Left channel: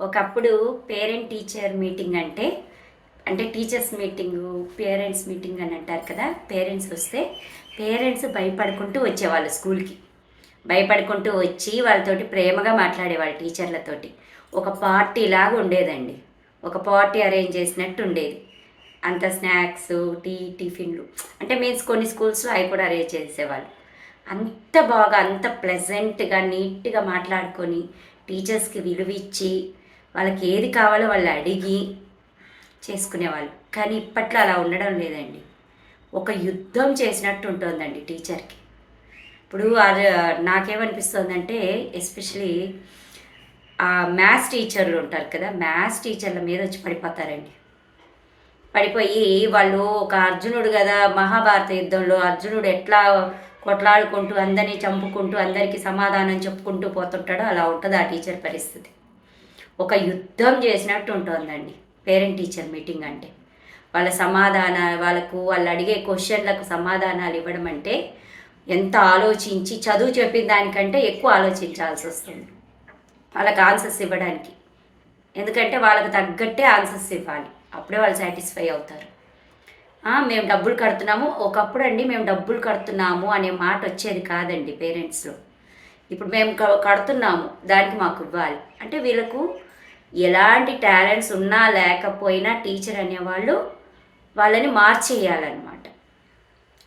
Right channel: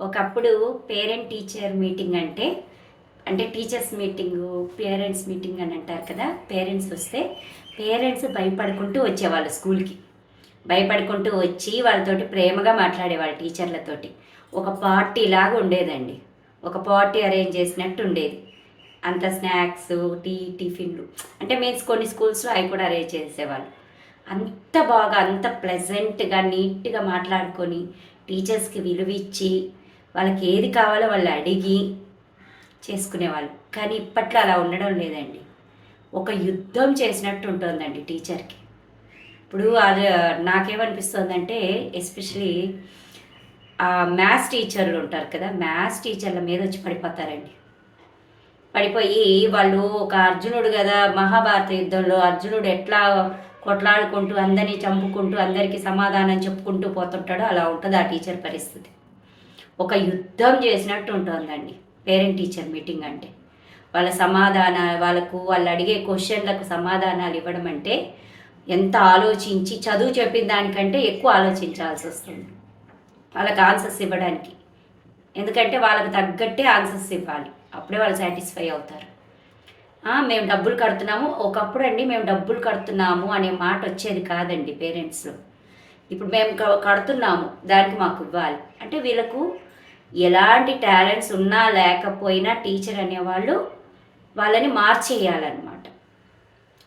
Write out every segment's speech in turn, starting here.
ఒకప్పుడు parent teacher meeting అంటే teachers meeting parents meeting అని అంటారు కదా. పేరెంట్స్ వస్తే పేరెంట్స్ భయపడుకుంటూ వచ్చేవాళ్ళు స్కూల్కి. భయపడుకుంటూ వచ్చి వాళ్ళతోటి ప్రేమగా మాట్లాడేవాళ్ళు టీచర్లతోటి. ఒక పార్టీ లాగా ఉండేదండి. ఒక పార్టీ అరేంజ్ చేసినట్టు ఉండేది. అంత స్నాక్స్, టిఫిన్లు అంటే మీన్స్ కొన్ని స్కూల్స్లో అవి కూడా అరేంజ్ చేసేవాళ్ళు. అంత బాగా అంత ప్లెజెంట్గా నీట్గా మాట్లాడుకొని టీచర్స్కి విలువ ఇచ్చి వాళ్ళకి ఏది కావాలో వాళ్ళు అడిగి చేసుకునేవాళ్ళు. కానీ ఇప్పట్లో అలా ఉండడం లేదండి. ఒక యుద్ధం చేసినట్టు ఉంటుందండి టీచర్కి. ఇప్పుడు అది నాకేమనిపిస్తుందంటే ఎస్పెషలీ మ్యాథ్స్ టీచర్లు ఉంటారు కదా, మ్యాథ్స్ టీచర్ల మీద వచ్చి పడిపోతారండి. పడిపోయి వాళ్ళు ఒక అర్జునుడు కదా, మహాభారత యుద్ధంలో అర్జునుడు ఎట్లా కొట్లాడుకుంటూ అందరినీ చంపుకుంటూ అందరికీ సమాధానం చెప్పుకుంటూ పోతుంటాడో అలా ఉంటుంది ఆ టీచర్ పరిస్థితి. ఒక యుద్ధం చేసినట్టు ఉంటుందండి పేరెంట్ టీచర్ మీటింగ్ అంటే. వాళ్ళ సమాధానాలు, వాళ్ళు అడిగే క్వశ్చన్లకు సమాధానాలు ఇవ్వడం అంటే ఎంత ఆలోచించి, చదువు చెప్పిన దానికంటే ఎక్కువ ఆలోచించాల్సి వస్తుంది వాళ్ళకి ఆన్సర్స్ ఇవ్వడానికి. ఎందుకంటే వాళ్ళకి తగ్గట్టే ఆన్సర్స్ ఇవ్వాలి, అప్పుడే వాళ్ళు సాటిస్ఫై అవుతారు. మేము డబ్బులు కడుతున్నాము, ఒకప్పుడు అండి మేము డబ్బులు కడుతున్నాము అనే మాట వచ్చేది కాదండి పేరెంట్స్లో. ఇప్పుడు మేము కడుతున్నాము దానికి మాకు ఇవ్వాలి అంటే వీళ్ళకు ఎలాంటి టాలెంట్స్ ఉన్నా లేకపోయినా టీచర్ అనేవాళ్ళు వాళ్ళని మార్చేయాలన్నమాట.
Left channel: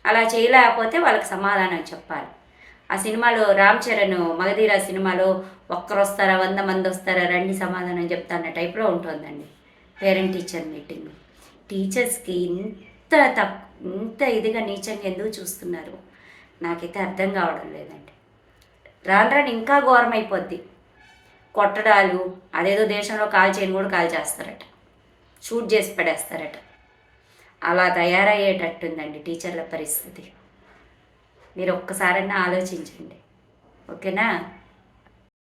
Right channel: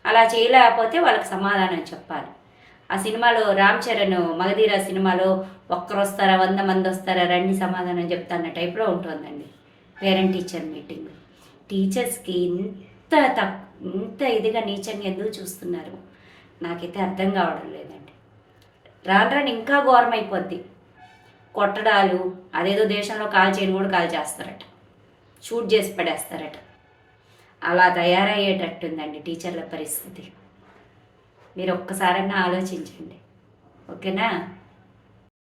అలా చేయలేకపోతే వాళ్ళకి సమాధానం చెప్పాలి. ఆ సినిమాలో రామ్ చరణ్ మగధీర సినిమాలో ఒక్కరు వస్తారా 100 మంది వస్తారా రండి సమాధానం చెప్తా అన్న టైప్లో ఉంటుందండి పేరెంట్ టీచర్ మీటింగ్. టీచర్స్కి ఇంత ఇదిగా నీచంగా ఎందుకు చూస్తున్నారు నాకైతే అర్థం కావడం లేదండి. రాను రాను ఇంకా ఘోరం అయిపోద్ది. కొట్టడాలు, అదేదో దేశంలో కాల్ చేయని కూడా కాల్ చేస్తారట, షూట్ చేసి పడేస్తారట. అలా తయారయ్యేటట్టుందండి టీచర్ల పరిస్థితి. మీరు ఒక్కసారన్నా ఆలోచించండి, ఓకేనా?